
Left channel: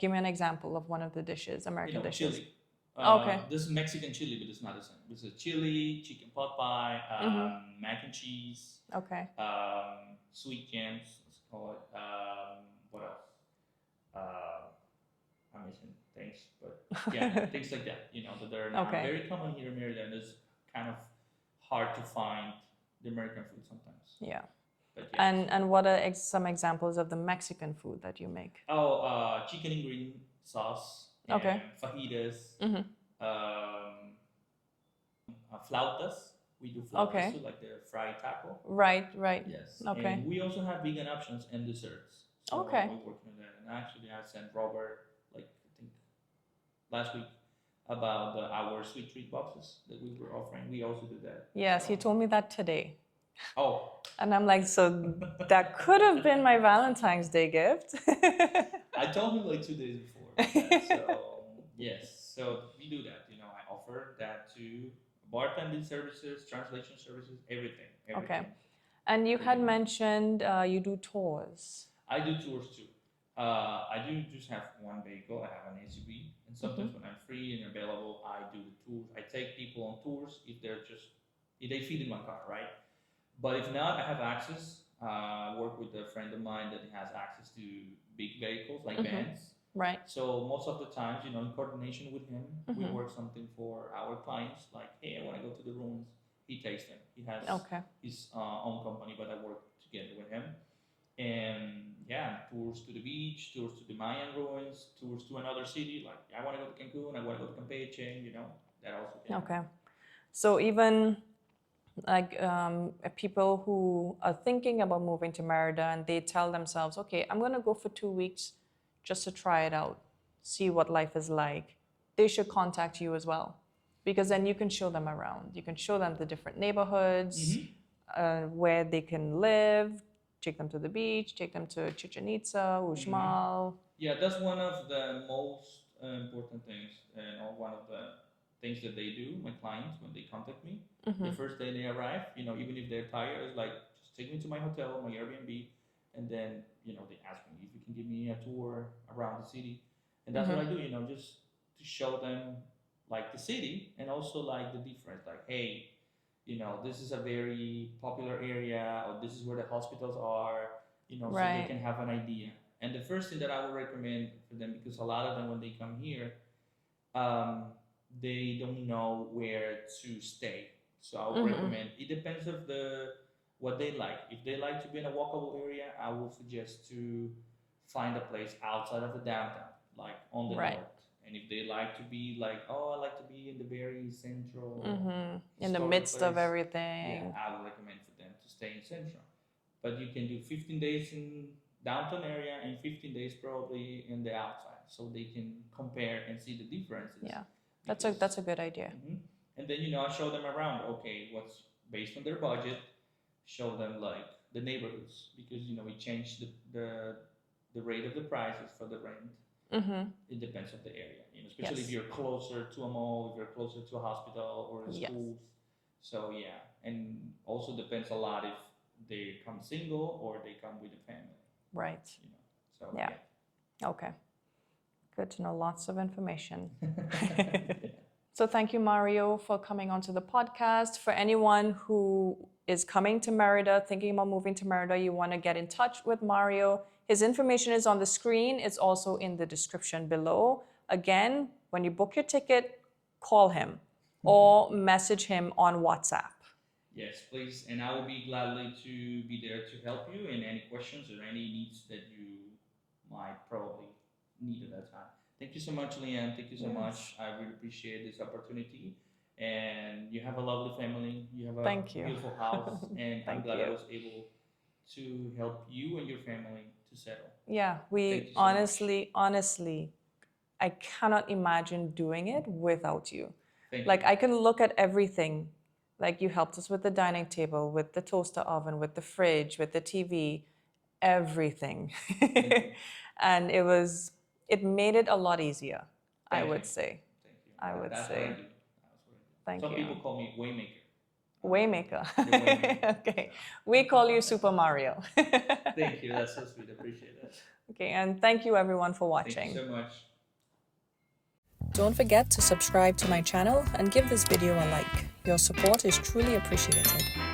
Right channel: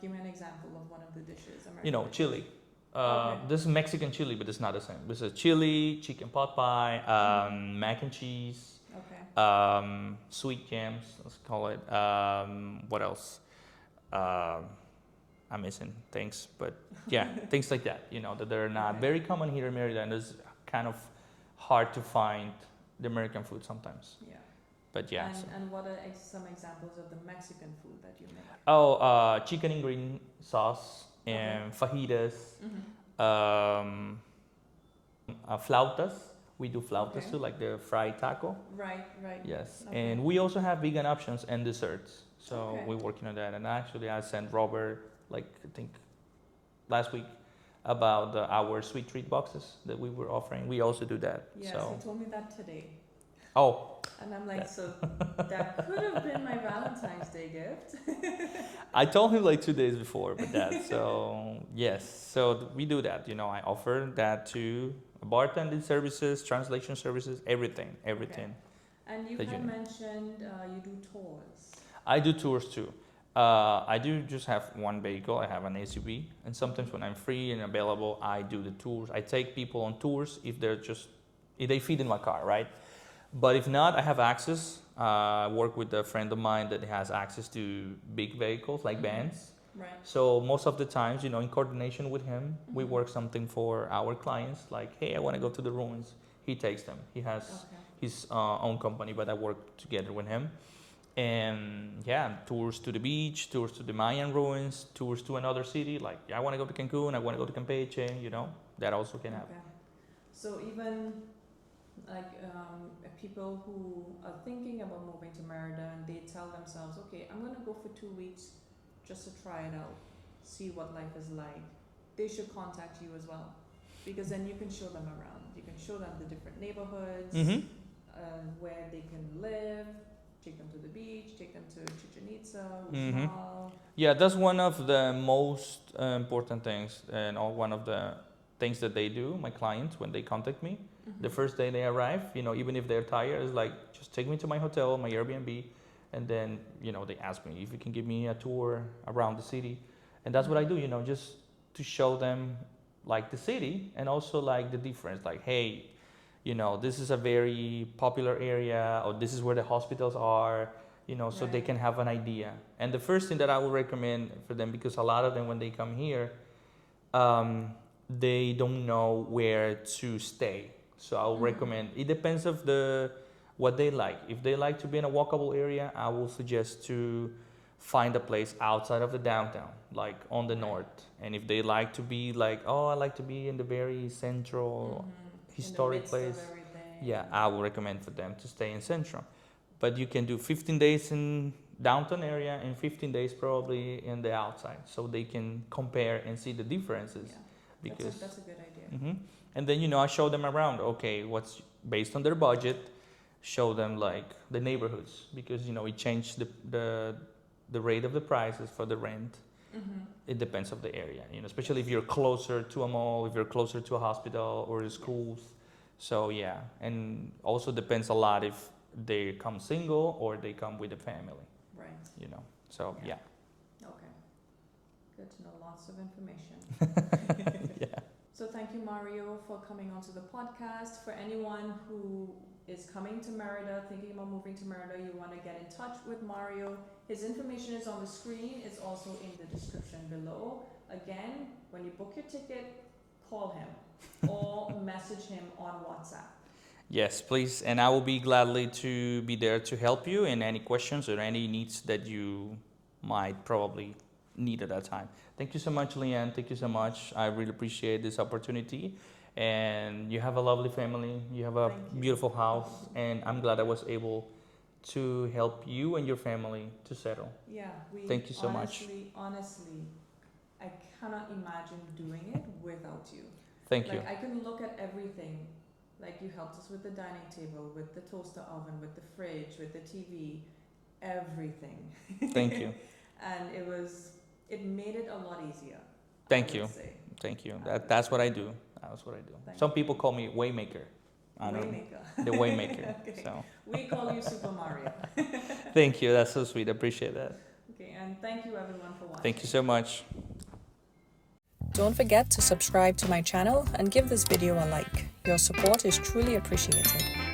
Give me an example of one of the dishes, American dishes. Chili. This is Mexican chili, but it's not the same. This is chili, chicken pot pie, mac and cheese. Okay. Sweet jams, let's call it. What else? I'm missing things, but yeah, things like that. That they're not very common here in Merida, and it's kind of hard to find the American food sometimes. Yeah. But yeah. And what are some examples of the Mexican food that you make? Chicken and green sauce and Okay. fajitas, flautas. We do flautas Okay. too, like the fried taco. Right. Yes. Okay. And we also have vegan options and desserts. So Okay. we're working on that. And actually, I sent Robert, like, I think last week, about our sweet treat boxes that we were offering. We also do that. Yes, so. he told me that today. Oh. And I'm like, so that could have been my Valentine's Day gift. I told him like 2 days before about that. So yes, so we do that. You know, I offer that to bartending services, translation services, everything. Okay. And you had mentioned you do tours. I do tours too. I do just have one vehicle. I have an SUV, and sometimes when I'm free and available, I do the tours. I take people on tours if they fit in my car, right? But if not, I have access. I work with a friend of mine that has access to big vehicles like vans. Right. So most of the times, you know, in coordination with him, we work something for our clients. Like, hey, I want to go to the ruins. He takes them. He has his own company, but I work together with him. And yeah, tours to the beach, tours to the Mayan ruins, tours to another city. Like, I want to go to Cancun, I want to go to Campeche, you know, that also can happen. Okay. So even like people who are thinking about moving to Merida and they tell themselves, okay, I'm going to go for 2 weeks just to try it out, see what life is like. They should contact you as well, because then you can show them around. You can show them the different neighborhoods, where they can live, take them to the beach, take them to Chichen Itza, Uxmal. Yeah, that's one of the most important things, and one of the things that they do, my clients, when they contact me. The first day they arrive, you know, even if they're tired, it's like, just take me to my hotel, my Airbnb, and then, you know, they ask me if you can give me a tour around the city. And that's what I do, you know, just to show them like the city and also like the difference, like, hey, you know, this is a very popular area, or this is where the hospitals are, you know, so they can have an idea. And the first thing that I would recommend for them, because a lot of them, when they come here, they don't know where to stay. So I would recommend, it depends of what they like. If they like to be in a walkable area, I will suggest to find a place outside of the downtown, like on the north. And if they like to be like, oh, I like to be in the very central, in the midst place, of everything. Yeah, I would recommend for them to stay in central. But you can do 15 days in downtown area and 15 days probably in the outside, so they can compare and see the differences. Yeah, that's a good idea. And then, you know, I show them around, okay, what's based on their budget, show them like the neighborhoods, because, you know, it changed the rate of the prices for the rent. It depends on the area, you know, especially if you're closer to a mall, if you're closer to a hospital or the schools. So yeah, and also depends a lot if they come single or they come with a family. Right. You know, so yeah. Okay. Good to know, lots of information. So thank you, Mario, for coming onto the podcast. For anyone who is coming to Merida, thinking about moving to Merida, you want to get in touch with Mario. His information is on the screen. It's also in the description below. Again, when you book your ticket, call him or message him on WhatsApp. Yes, please. And I will be gladly to be there to help you in any questions or any needs that you might probably need at that time. Thank you so much, Leanne. Thank you so much. I really appreciate this opportunity. And you have a lovely family. You have a beautiful house. And I'm glad I was able to help you and your family to settle. Yeah, Thank you so honestly, I cannot imagine doing it without you. Thank you. Like, I can look at everything. Like, you helped us with the dining table, with the toaster oven, with the fridge, with the TV, everything. Thank you. And it made it a lot lot easier, I would say. Thank you. That's what I do. That's what I do. Some people call me Waymaker. Waymaker. The Waymaker. Okay. So. We call you Super Mario. Thank you. That's so sweet. I appreciate that. Okay, and thank you everyone for watching. Thank you so much. Don't forget to subscribe to my channel and give this video a like. Your support is truly appreciated.